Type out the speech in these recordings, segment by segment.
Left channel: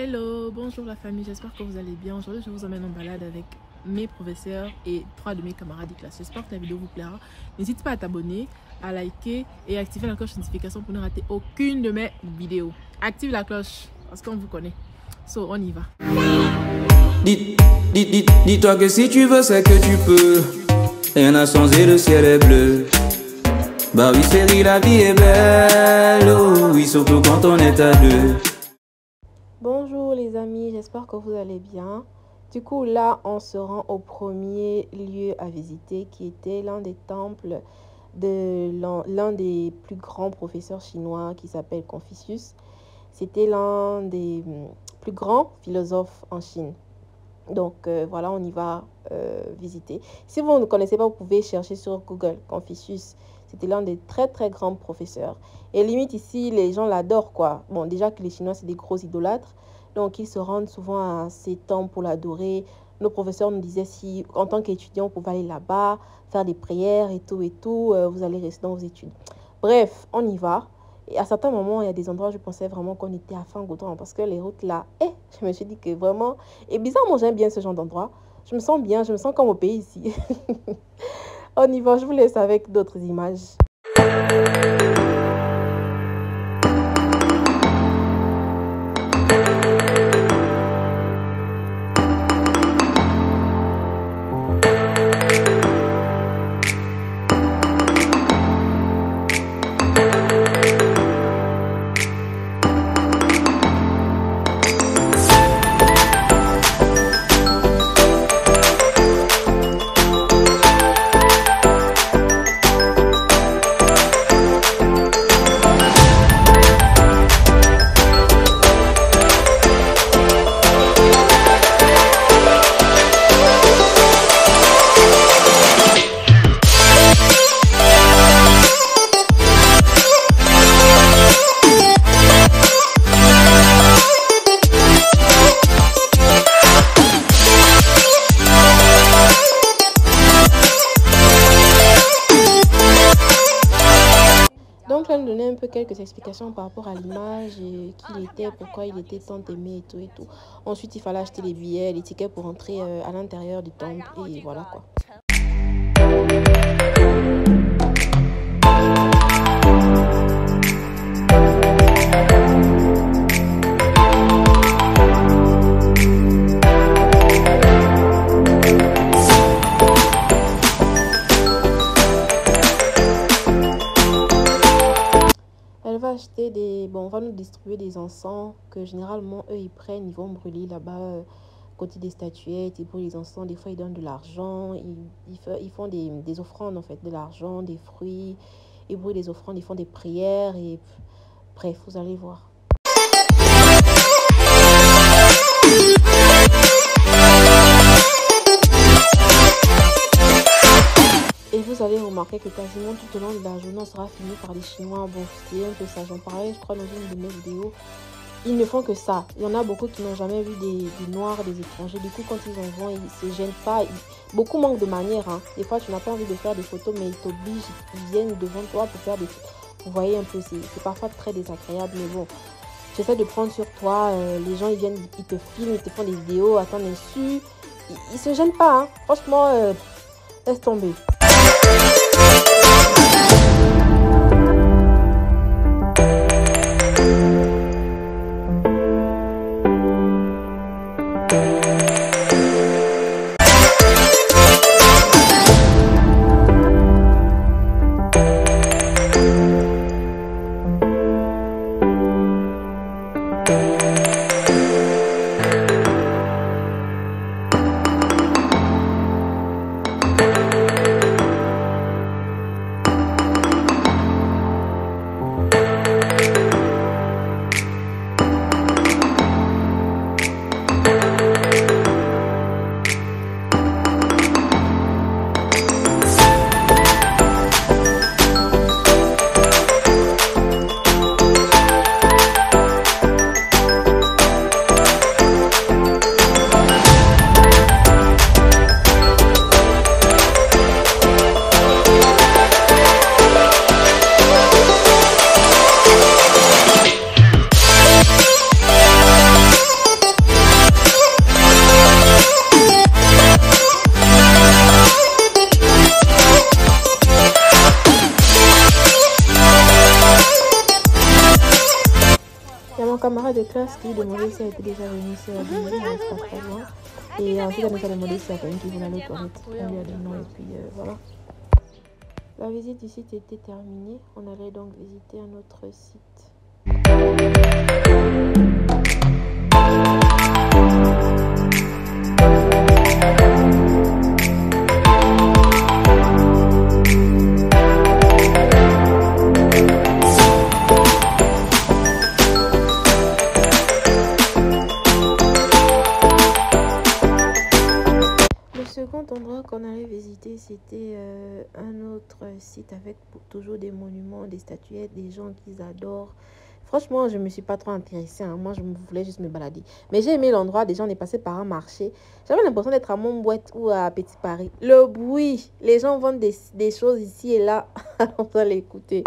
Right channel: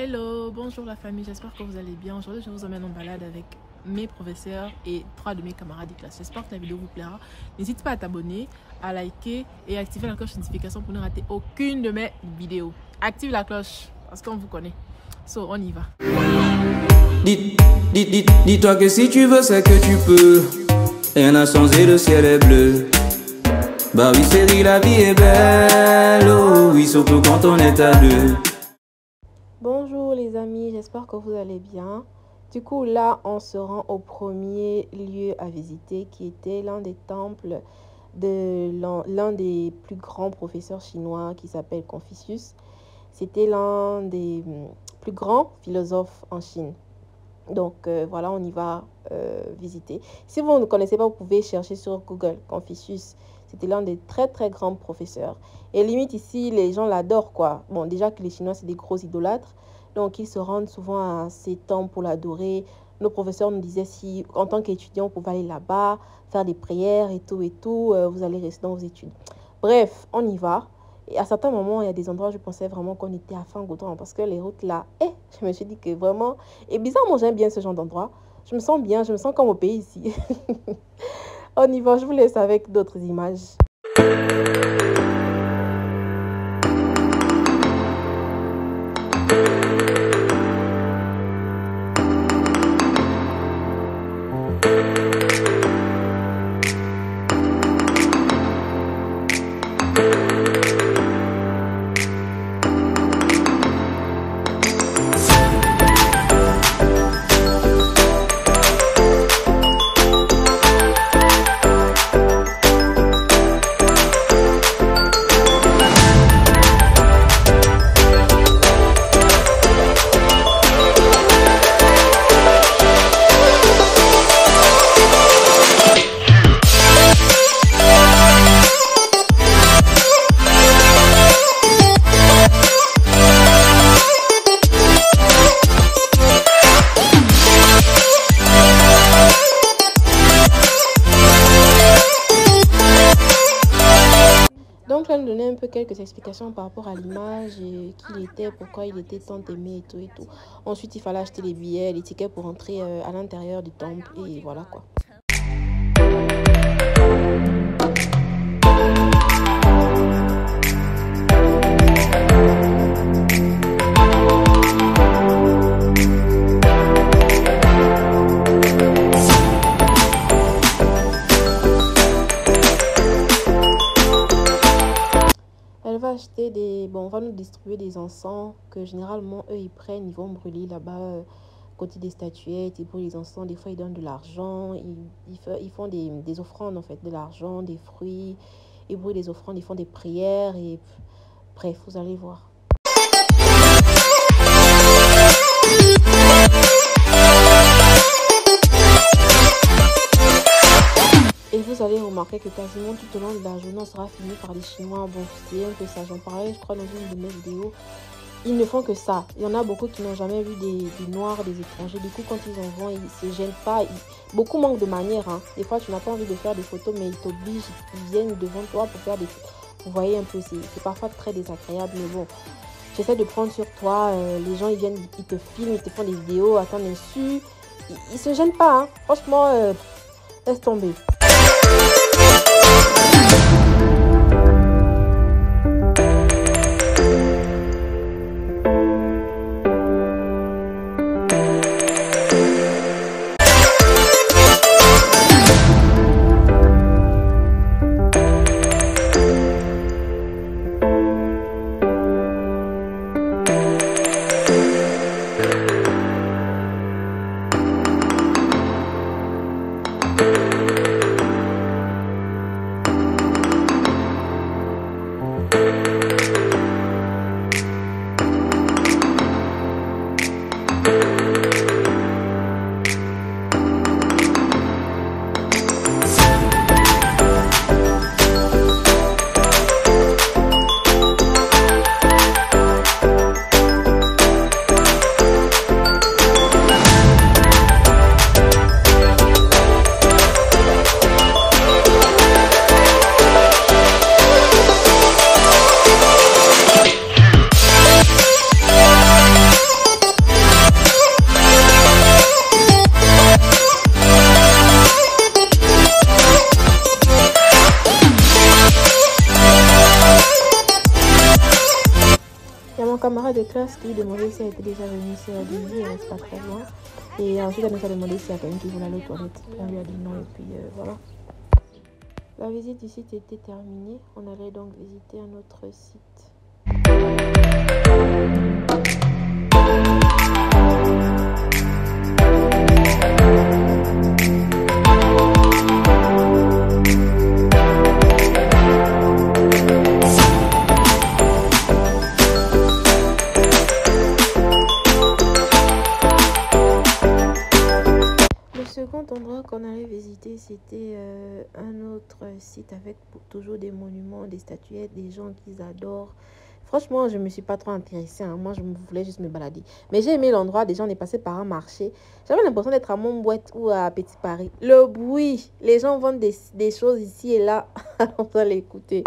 Hello, bonjour la famille, j'espère que vous allez bien. Aujourd'hui, je vous emmène en balade avec mes professeurs et 3 de mes camarades de classe. J'espère que la vidéo vous plaira. N'hésite pas à t'abonner, à liker et à activer la cloche de notification pour ne rater aucune de mes vidéos. Active la cloche parce qu'on vous connaît. So, on y va. Dis-toi que si tu veux, c'est que tu peux. Rien n'a changé, le ciel est bleu. Bah oui, chérie, la vie est belle. Oh oui, surtout quand on est à deux. Bonjour les amis, j'espère que vous allez bien. Du coup là on se rend au premier lieu à visiter qui était l'un des temples de l'un des plus grands professeurs chinois qui s'appelle Confucius. C'était l'un des plus grands philosophes en Chine. Donc voilà, on y va visiter. Si vous ne connaissez pas, vous pouvez chercher sur Google Confucius. C'était l'un des très très grands professeurs. Et limite ici, les gens l'adorent quoi. Bon, déjà que les Chinois, c'est des gros idolâtres. Donc ils se rendent souvent à ces temples pour l'adorer. Nos professeurs nous disaient si en tant qu'étudiant, vous pouvez aller là-bas, faire des prières et tout, vous allez rester dans vos études. Bref, on y va. Et à certains moments, il y a des endroits où je pensais vraiment qu'on était à fin goudron parce que les routes là, je me suis dit que vraiment... Et bizarrement, j'aime bien ce genre d'endroit. Je me sens bien, je me sens comme au pays ici. On y va, je vous laisse avec d'autres images. Donc là, nous donnait un peu quelques explications par rapport à l'image et qui il était, pourquoi il était tant aimé et tout. Ensuite, il fallait acheter les billets, les tickets pour entrer à l'intérieur du temple et voilà quoi. Acheter des... Bon, on va nous distribuer des encens que généralement, eux, ils prennent, ils vont brûler là-bas, côté des statuettes, ils brûlent les encens, des fois, ils donnent de l'argent, ils font des offrandes, en fait, de l'argent, des fruits, ils brûlent les offrandes, ils font des prières, et bref, vous allez voir. Et vous allez remarquer que quasiment tout au long de la journée, on sera fini par les Chinois. Bon, c'est un peu ça. J'en parlais, je crois, dans une de mes vidéos. Ils ne font que ça. Il y en a beaucoup qui n'ont jamais vu des Noirs, des étrangers. Du coup, quand ils en vont, ils ne se gênent pas. Beaucoup manquent de manière. Hein. Des fois, tu n'as pas envie de faire des photos, mais ils t'obligent. Ils viennent devant toi pour faire des photos. Vous voyez un peu, c'est parfois très désagréable. Mais bon, j'essaie de prendre sur toi. Les gens, ils viennent, ils te filment, ils te font des vidéos à ton insu. Ils ne se gênent pas. Hein. Franchement, laisse tomber. de classe qui lui demandait si elle était déjà venue, si elle a dit oui, elle reste pas très loin. Et ensuite, elle nous a demandé s'il y a quelqu'un qui voulait aller aux toilettes. On lui a dit non et puis voilà. La visite du site était terminée. On allait donc visiter un autre site. Le second endroit qu'on allait visiter, c'était un autre site avec toujours des monuments, des statuettes, des gens qu'ils adorent. Franchement, je ne me suis pas trop intéressée. Hein. Moi, je voulais juste me balader. Mais j'ai aimé l'endroit. Déjà, on est passé par un marché. J'avais l'impression d'être à Montbouette ou à Petit Paris. Le bruit, les gens vendent des choses ici et là. On va l'écouter.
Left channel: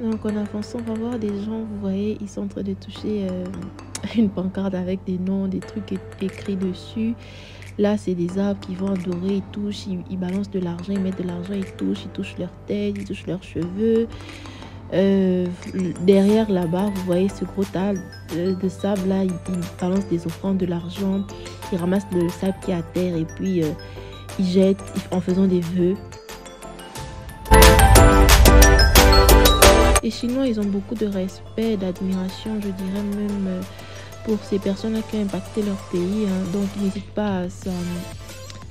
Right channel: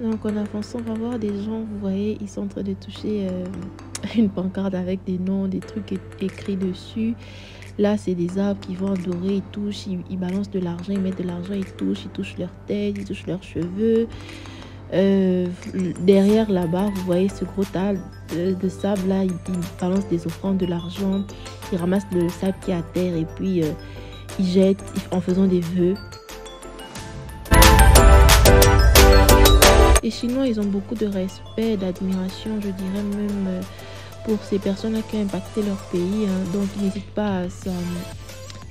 Donc en avançant, on va voir des gens, vous voyez, ils sont en train de toucher une pancarte avec des noms, des trucs écrits dessus. Là, c'est des arbres qui vont adorer, ils touchent, ils balancent de l'argent, ils mettent de l'argent, ils touchent leur tête, ils touchent leurs cheveux. Derrière là-bas, vous voyez ce gros tas de sable là, ils balancent des offrandes, de l'argent, ils ramassent le sable qui est à terre et puis ils jettent en faisant des vœux. Les Chinois, ils ont beaucoup de respect, d'admiration, je dirais même pour ces personnes-là qui ont impacté leur pays. Donc, ils n'hésitent pas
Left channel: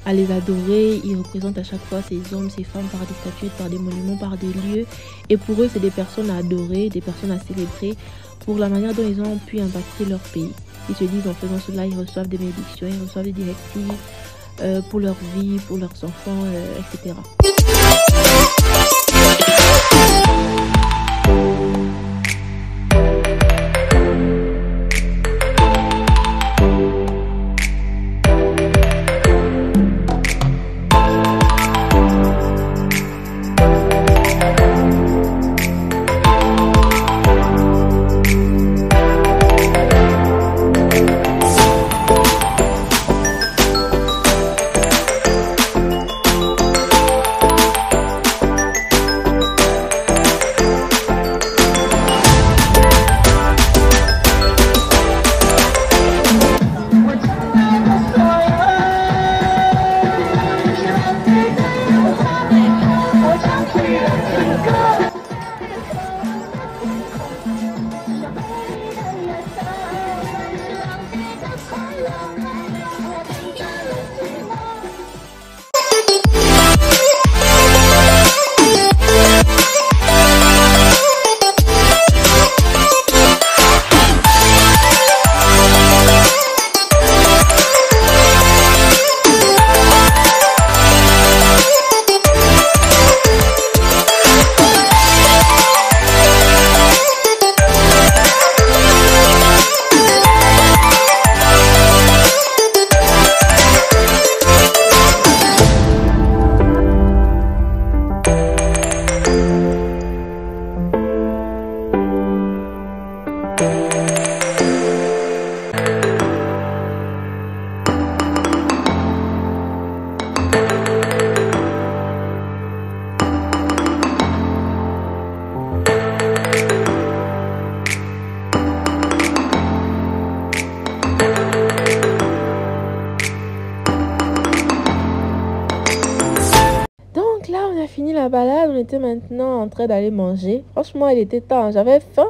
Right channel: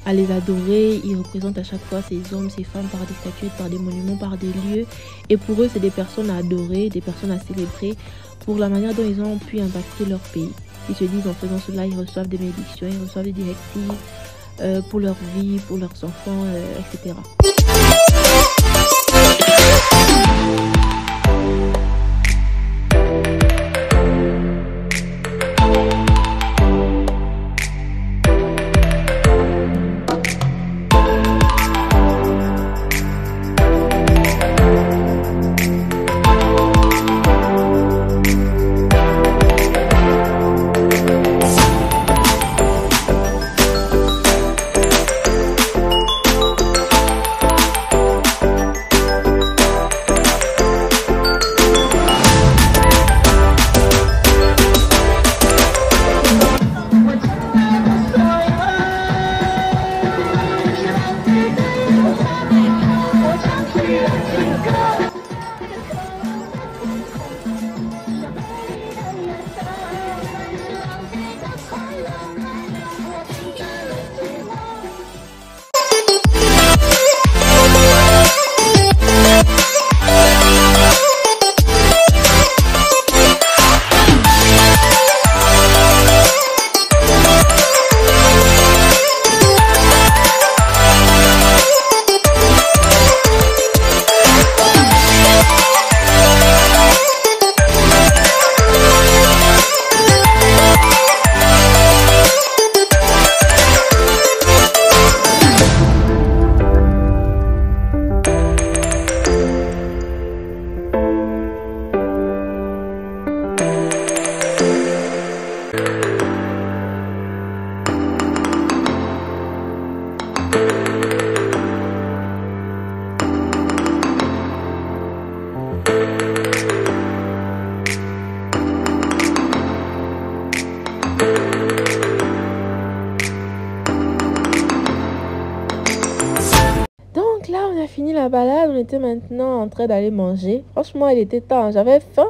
à les adorer. Ils représentent à chaque fois ces hommes, ces femmes par des statuettes, par des monuments, par des lieux. Et pour eux, c'est des personnes à adorer, des personnes à célébrer pour la manière dont ils ont pu impacter leur pays. Ils se disent en faisant cela, ils reçoivent des bénédictions, ils reçoivent des directives pour leur vie, pour leurs enfants, etc. Fini la balade, on était maintenant en train d'aller manger. Franchement, il était temps, j'avais faim.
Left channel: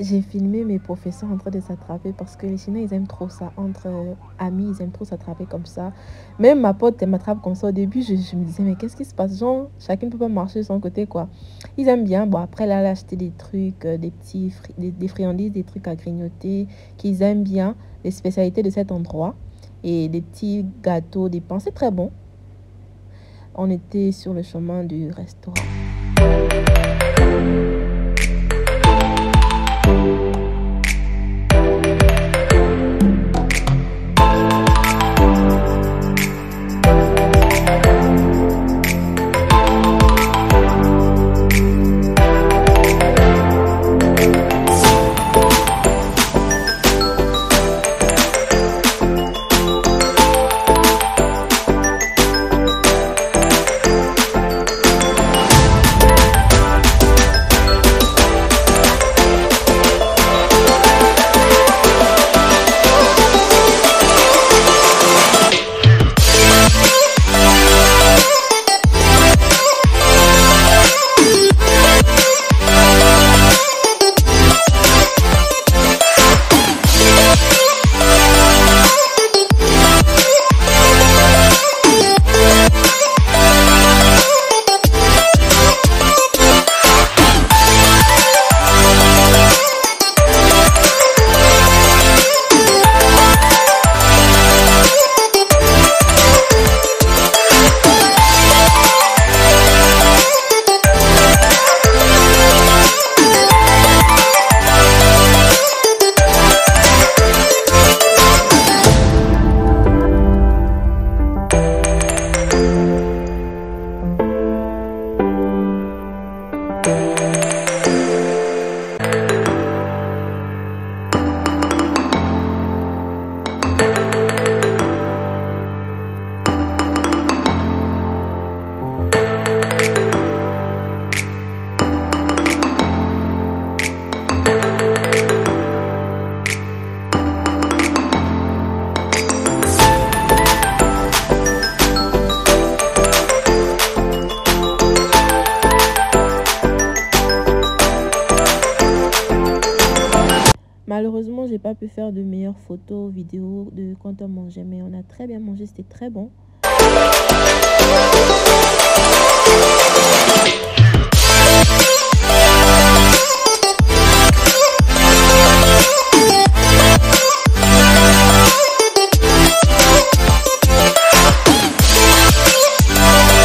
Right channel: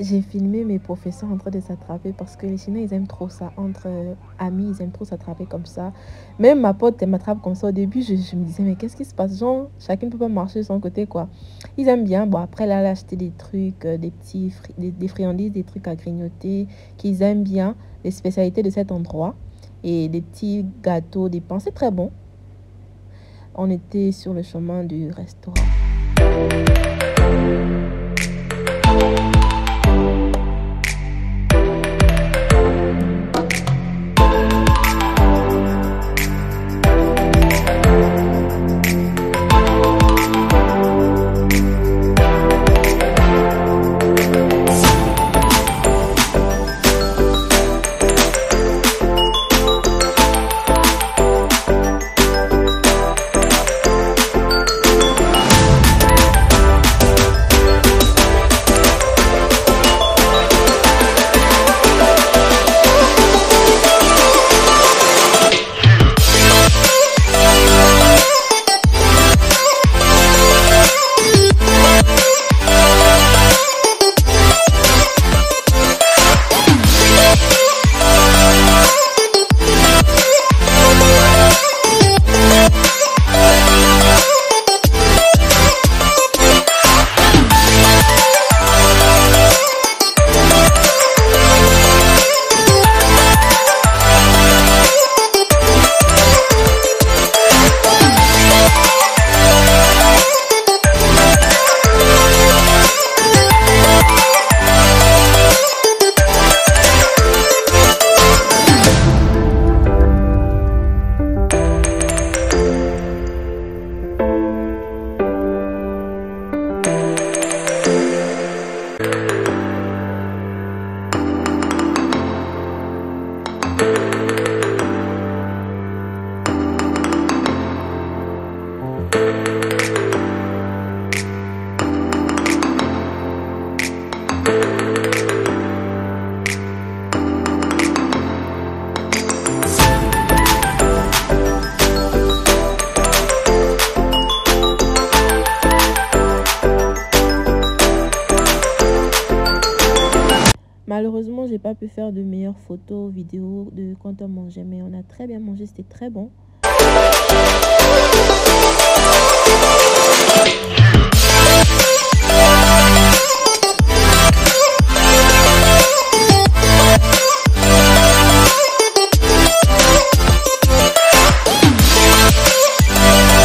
J'ai filmé mes professeurs en train de s'attraper parce que les Chinois, ils aiment trop ça. Entre amis, ils aiment trop s'attraper comme ça. Même ma pote, elle m'attrape comme ça. Au début, je me disais, mais qu'est-ce qui se passe? Genre, chacun ne peut pas marcher de son côté, quoi. Ils aiment bien. Bon, après, là, elle a acheté des trucs, des friandises, des trucs à grignoter qu'ils aiment bien. Les spécialités de cet endroit. Et des petits gâteaux, des pains. C'est très bon. On était sur le chemin du restaurant. pas pu faire de meilleures photos, vidéos de quand on mangeait, mais on a très bien mangé, c'était très bon.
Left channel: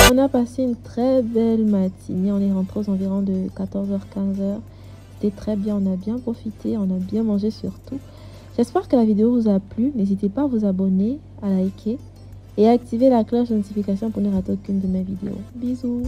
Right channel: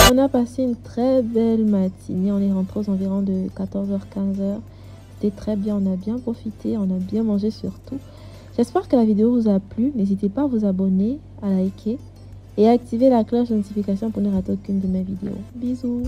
On a passé une très belle matinée, on est rentré aux environs de 14h-15h. C'était très bien, on a bien profité, on a bien mangé surtout. J'espère que la vidéo vous a plu. N'hésitez pas à vous abonner, à liker et à activer la cloche de notification pour ne rater aucune de mes vidéos. Bisous!